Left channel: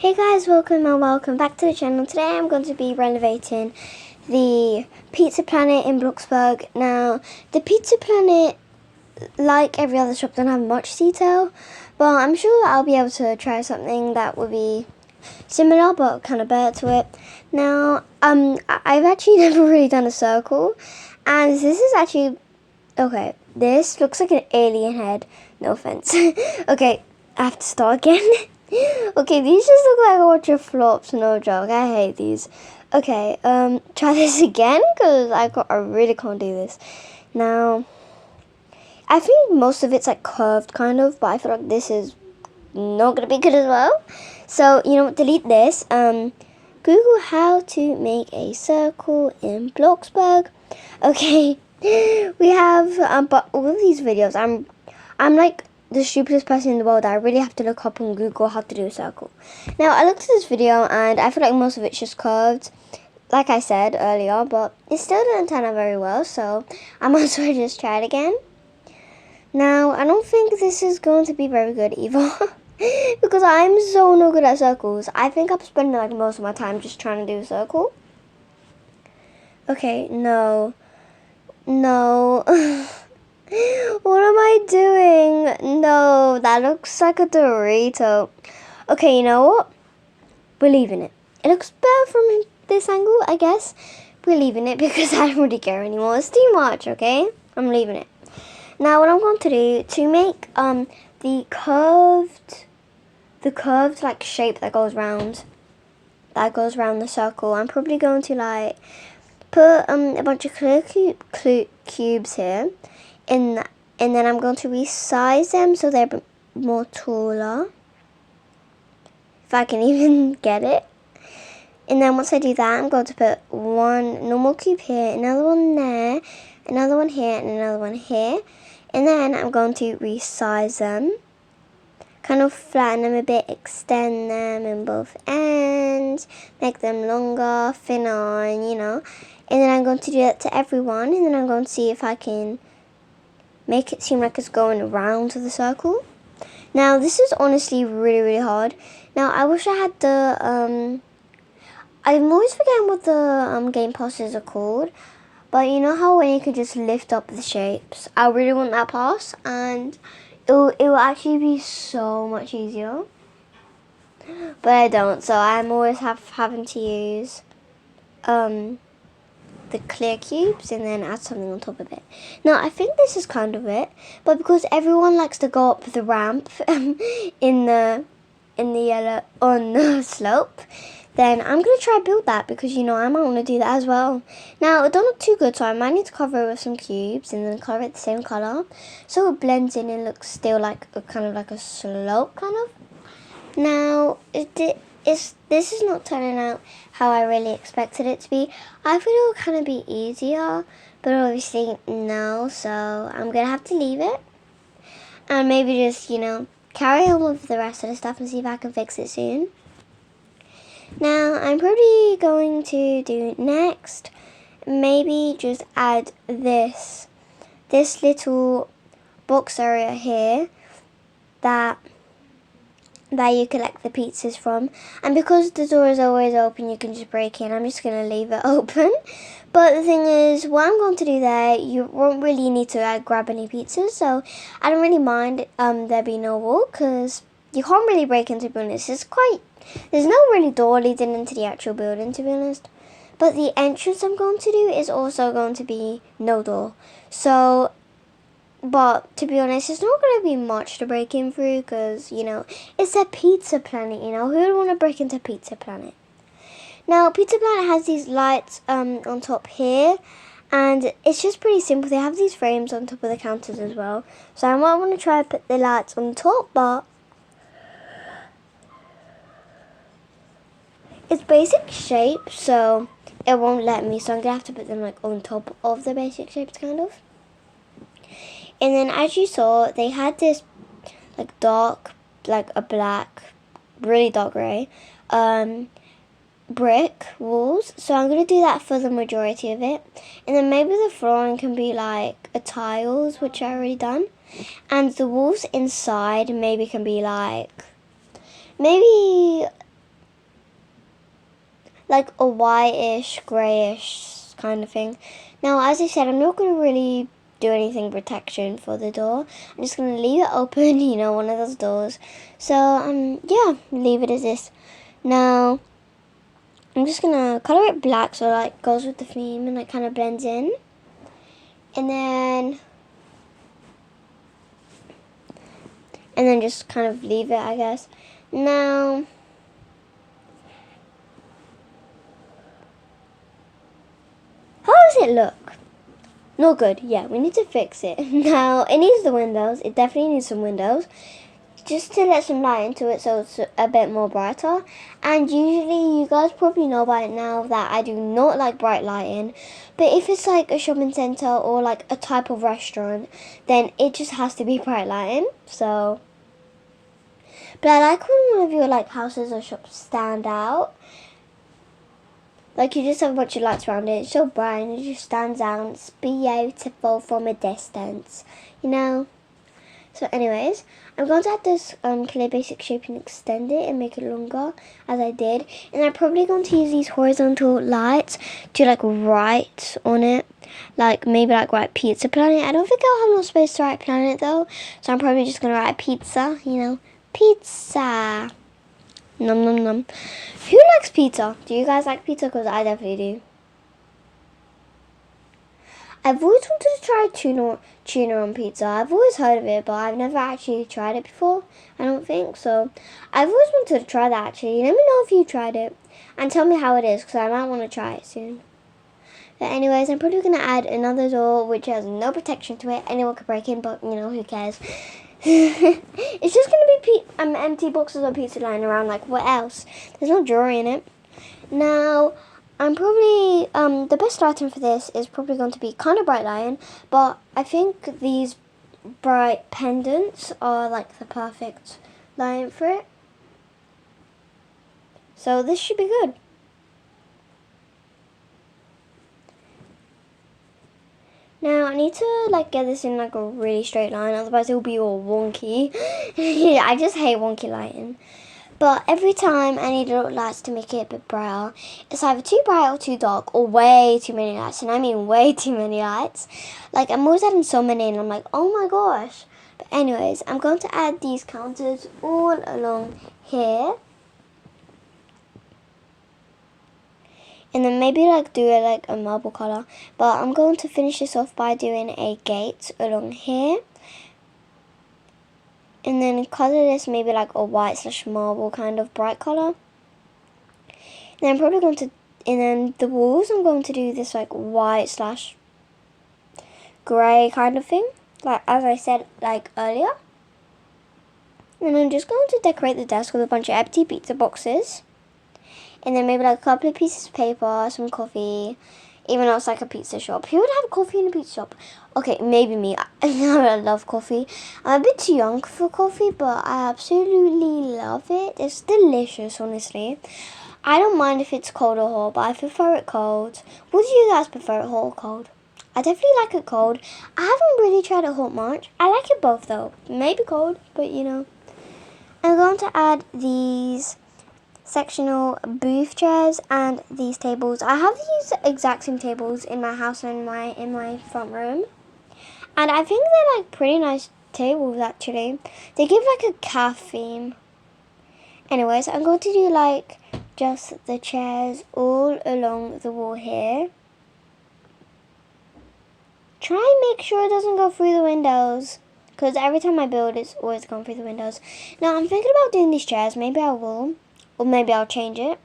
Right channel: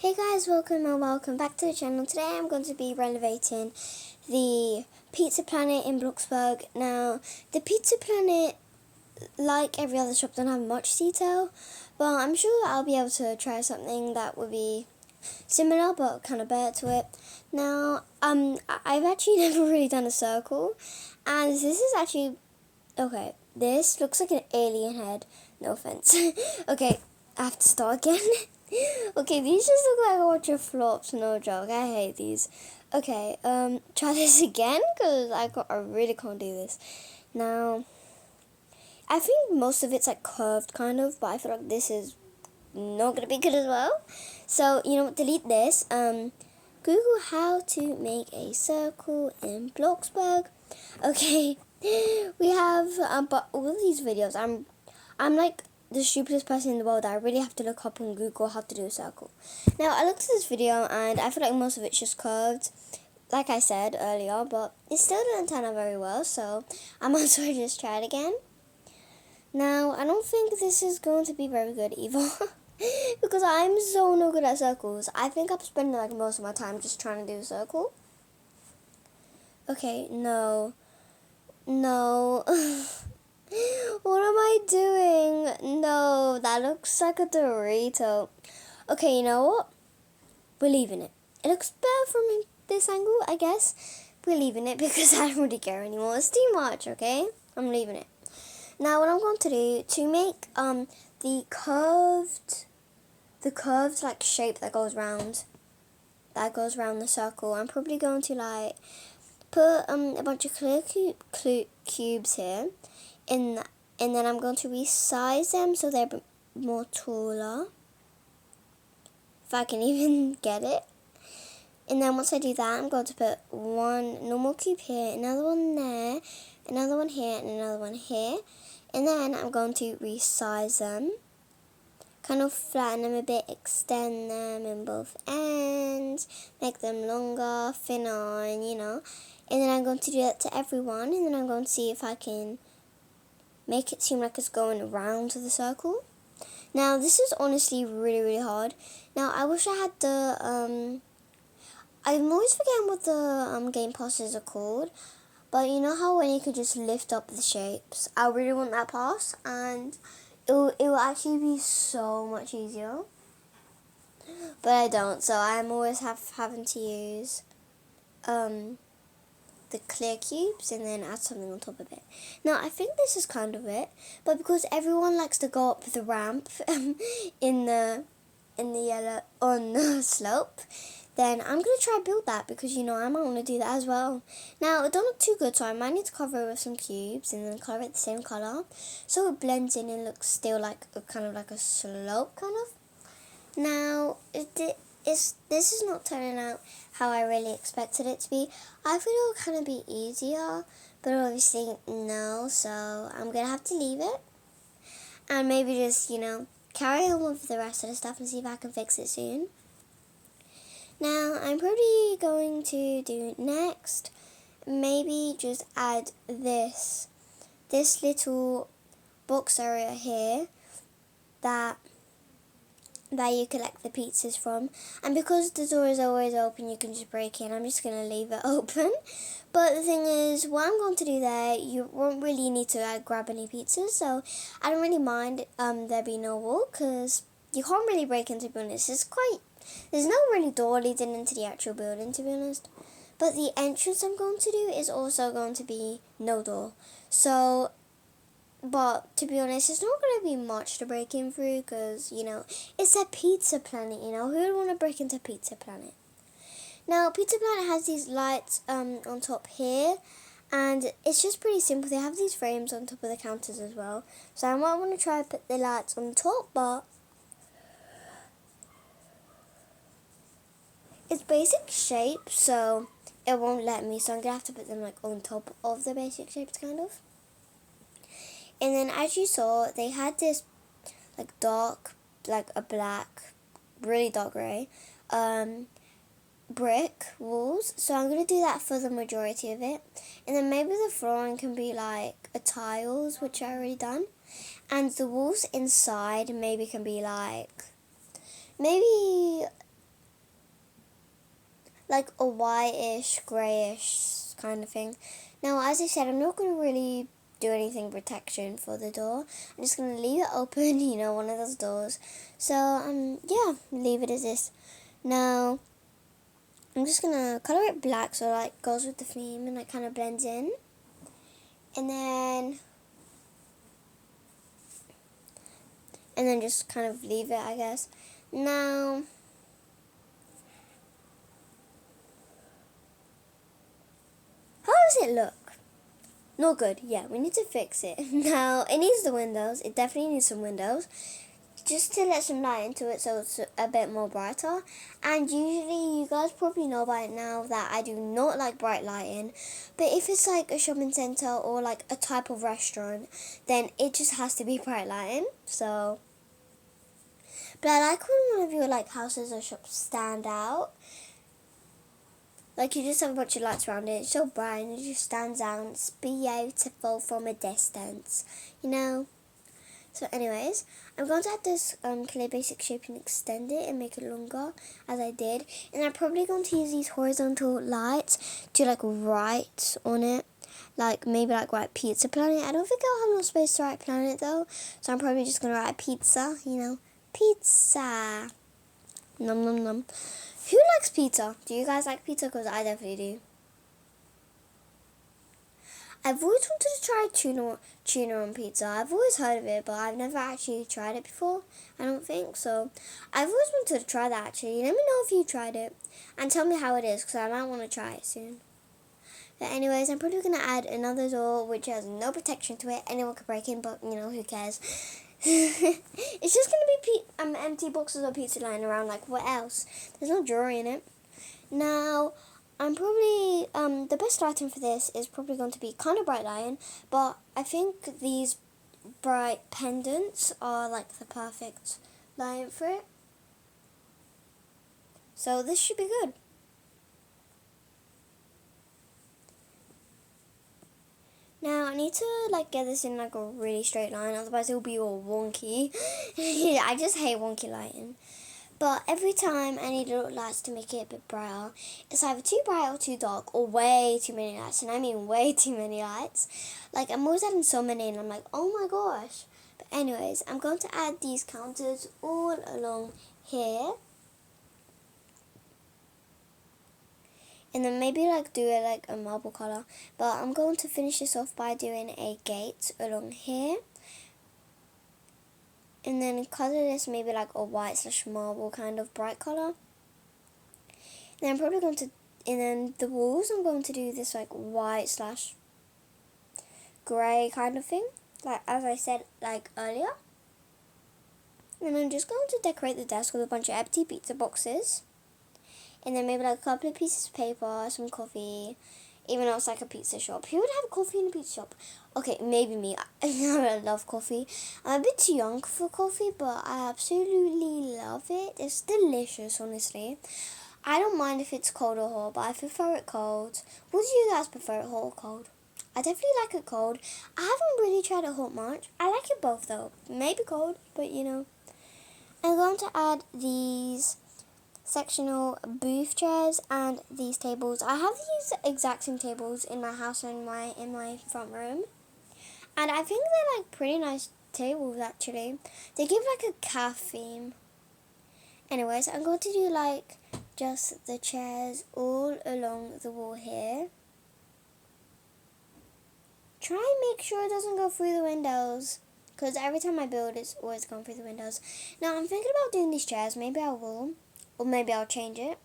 Hey guys, welcome back to the channel. Today I'm going to be renovating the Pizza Planet in Bloxburg. Now, the Pizza Planet, like every other shop, don't have much detail, but I'm sure I'll be able to try something that would be similar but kind of better to it. Now, I've actually never really done a circle, and this is actually, okay, this looks like an alien head. No offense. Okay, I have to start again. Okay, these just look like a bunch of flops, no joke. I hate these. Okay, try this again, because I really can't do this. Now, I think most of it's like curved kind of, but I feel like this is not going to be good as well. So, delete this. Google how to make a circle in Bloxburg. Okay, we have, but all of these videos, I'm like the stupidest person in the world. I really have to look up on Google how to do a circle. Now, I looked at this video and I feel like most of it's just curved, like I said earlier, but it still didn't turn out very well, so I might as well just try it again. Now, I don't think this is going to be very good either, because I'm so no good at circles. I think I'm spending like most of my time just trying to do a circle. Okay, no. What am I doing? No, that looks like a Dorito. Okay, you know what? We're leaving it. It looks better from this angle, I guess. We're leaving it because I don't really care anymore. It's too much, okay? I'm leaving it. Now, what I'm going to do to make the curved like shape that goes round the circle, I'm probably going to like put a bunch of clear cubes here. And then I'm going to resize them so they're a bit more taller, if I can even get it. And then once I do that, I'm going to put one normal cube here, another one there, another one here, and another one here. And then I'm going to resize them, kind of flatten them a bit, extend them in both ends, make them longer, thinner, and And then I'm going to do that to everyone, and then I'm going to see if I can make it seem like it's going around the circle. Now, this is honestly really, really hard. Now, I wish I had the, I'm always forgetting what the game passes are called. But you know how when you can just lift up the shapes? I really want that pass, and it will actually be so much easier. But I don't, so I'm always having to use, the clear cubes and then add something on top of it. Now, I think this is kind of it, but because everyone likes to go up the ramp in the yellow on the slope, then I'm gonna try to build that because I might want to do that as well. Now, it don't look too good, so I might need to cover it with some cubes and then color it the same color so it blends in and looks still like a kind of like a slope kind of. Now, this is not turning out how I really expected it to be. I thought it would kind of be easier, but obviously no, so I'm going to have to leave it. And maybe just, carry on with the rest of the stuff and see if I can fix it soon. Now, I'm probably going to do next, maybe just add this little box area here that you collect the pizzas from, and because the door is always open, you can just break in. I'm just going to leave it open, but the thing is, what I'm going to do there, you won't really need to grab any pizzas, so I don't really mind there being no wall, because you can't really break in, to be honest. There's no really door leading into the actual building, to be honest, but the entrance I'm going to do is also going to be no door, so but to be honest, it's not going to be much to break in through because, it's a Pizza Planet, Who would want to break into Pizza Planet? Now, Pizza Planet has these lights on top here, and it's just pretty simple. They have these frames on top of the counters as well. So I might want to try to put the lights on top, but it's basic shape, so it won't let me. So I'm going to have to put them on top of the basic shapes, kind of. And then, as you saw, they had this dark, a black, really dark grey, brick walls. So I'm going to do that for the majority of it. And then maybe the flooring can be a tiles, which I already done. And the walls inside maybe can be maybe like a whitish, greyish kind of thing. Now, as I said, I'm not going to really do anything protection for the door. I'm just going to leave it open, you know, one of those doors. So, yeah, leave it as this. Now, I'm just going to color it black so like goes with the theme and like kind of blends in. And then just kind of leave it, I guess. Now, how does it look? Not good. Yeah, we need to fix it. Now, it needs the windows. It definitely needs some windows. Just to let some light into it so it's a bit more brighter. And usually, you guys probably know by it now that I do not like bright lighting. But if it's like a shopping centre or like a type of restaurant, then it just has to be bright lighting. So, but I like when one of your like houses or shops stand out. Like you just have a bunch of lights around it. It's so bright and it just stands out. It's beautiful from a distance, you know. So anyways, I'm going to add this clear basic shape and extend it and make it longer as I did. And I'm probably going to use these horizontal lights to like write on it. Like maybe like write Pizza Planet. I don't think I'll have no space to write Planet though. So I'm probably just going to write pizza, you know. Pizza. Nom nom nom. Who likes pizza? Do you guys like pizza? Because I definitely do. I've always wanted to try tuna on pizza. I've always heard of it, but I've never actually tried it before. I don't think so. I've always wanted to try that actually. Let me know if you tried it and tell me how it is because I might want to try it soon. But anyways, I'm probably going to add another door which has no protection to it. Anyone could break in, but you know, who cares? It's just going to be empty boxes of pizza lying around. Like, what else? There's no jewelry in it. Now, I'm probably, the best item for this is probably going to be kind of bright lighting. But I think these bright pendants are like the perfect lighting for it. So this should be good. Now, I need to, like, get this in, like, a really straight line, otherwise it will be all wonky. Yeah, I just hate wonky lighting. But every time I need little lights to make it a bit brighter, it's either too bright or too dark, or way too many lights, and I mean way too many lights. Like, I'm always adding so many, and I'm like, oh my gosh. But anyways, I'm going to add these counters all along here. And then maybe like do it like a marble colour. But I'm going to finish this off by doing a gate along here. And then colour this maybe like a white / marble kind of bright colour. And then I'm probably going to, and then the walls I'm going to do this like white / grey kind of thing. Like as I said like earlier. And I'm just going to decorate the desk with a bunch of empty pizza boxes. And then maybe like a couple of pieces of paper, some coffee, even though it's like a pizza shop. Who would have coffee in a pizza shop? Okay, maybe me. I love coffee. I'm a bit too young for coffee, but I absolutely love it. It's delicious, honestly. I don't mind if it's cold or hot, but I prefer it cold. What do you guys prefer, it hot or cold? I definitely like it cold. I haven't really tried it hot much. I like it both though. Maybe cold, but you know. I'm going to add these sectional booth chairs and these tables. I have these exact same tables in my house and in my front room, and I think they're like pretty nice tables actually. They give like a calf theme. Anyways, I'm going to do like just the chairs all along the wall here. Try and make sure it doesn't go through the windows, because every time I build it's always gone through the windows. Now I'm thinking about doing these chairs. Maybe I will. Or maybe I'll change it.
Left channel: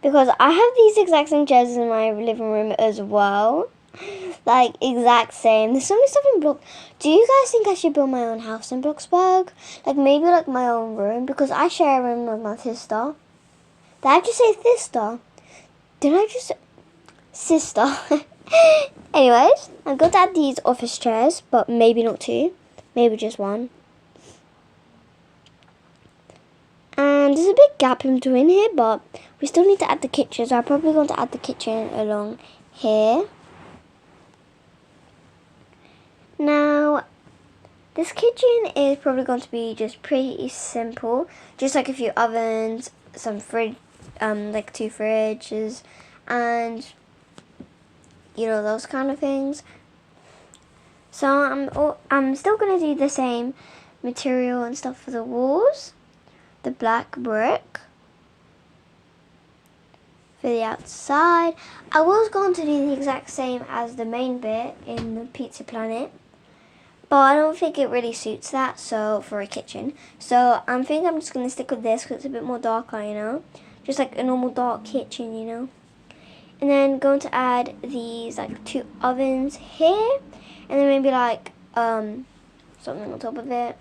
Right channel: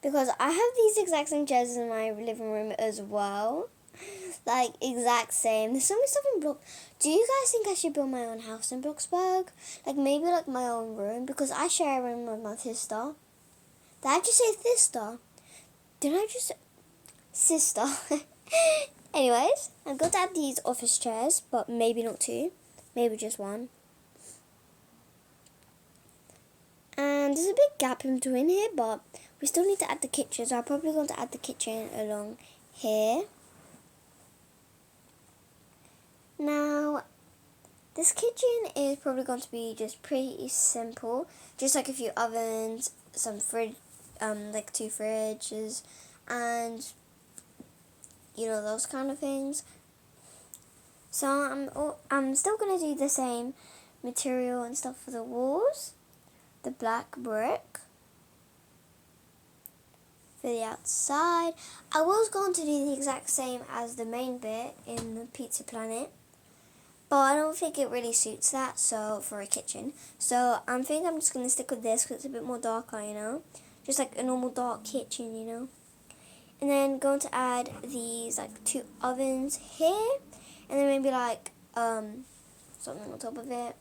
Because I have these exact same chairs in my living room as well. Like, exact same. There's so many stuff in Blox. Do you guys think I should build my own house in Bloxburg? Like, maybe like my own room. Because I share a room with my sister. Did I just say sister? Did I just... Sister. Anyways, I'm going to add these office chairs. But maybe not two. Maybe just one. And there's a big gap in between here, but we still need to add the kitchen. So I'm probably going to add the kitchen along here. Now, this kitchen is probably going to be just pretty simple. Just like a few ovens, some fridge, like 2 fridges, and you know, those kind of things. So I'm still gonna do the same material and stuff for the walls, the black brick for the outside. I was going to do the exact same as the main bit in the Pizza Planet, but I don't think it really suits that, so for a kitchen. So I think I'm just going to stick with this because it's a bit more darker, you know, just like a normal dark kitchen, you know. And then going to add these like 2 ovens here, and then maybe like something on top of it.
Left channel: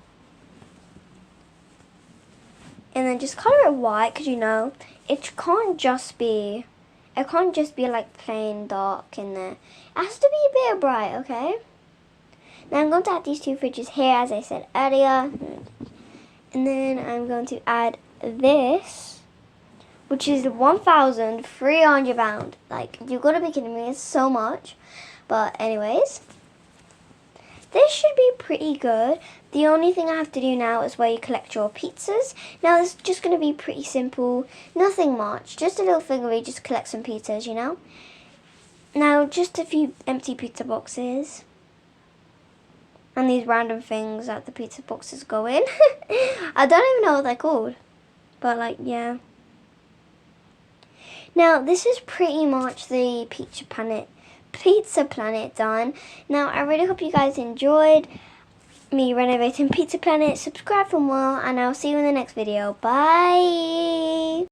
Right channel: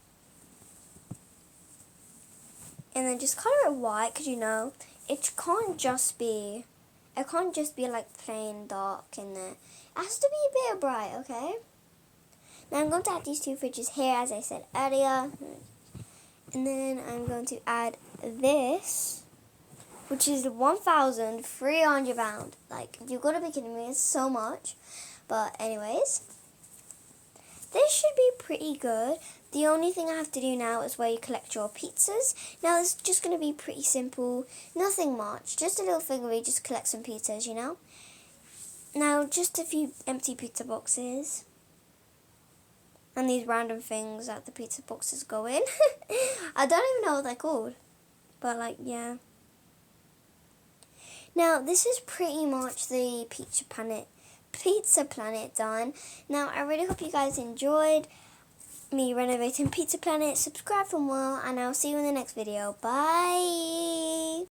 And then just color it white, because you know, it can't just be like plain dark in there. It has to be a bit bright, okay? Now I'm going to add these 2 fridges here, as I said earlier. And then I'm going to add this, which is £1,300. Like, you've got to be kidding me, it's so much. But anyways, this should be pretty good. The only thing I have to do now is where you collect your pizzas. Now it's just going to be pretty simple, nothing much, just a little thing where you just collect some pizzas, you know. Now just a few empty pizza boxes. And these random things that the pizza boxes go in. I don't even know what they're called. But like, yeah. Now this is pretty much the Pizza Planet done. Now I really hope you guys enjoyed me renovating Pizza Planet. Subscribe for more, and I'll see you in the next video. Bye!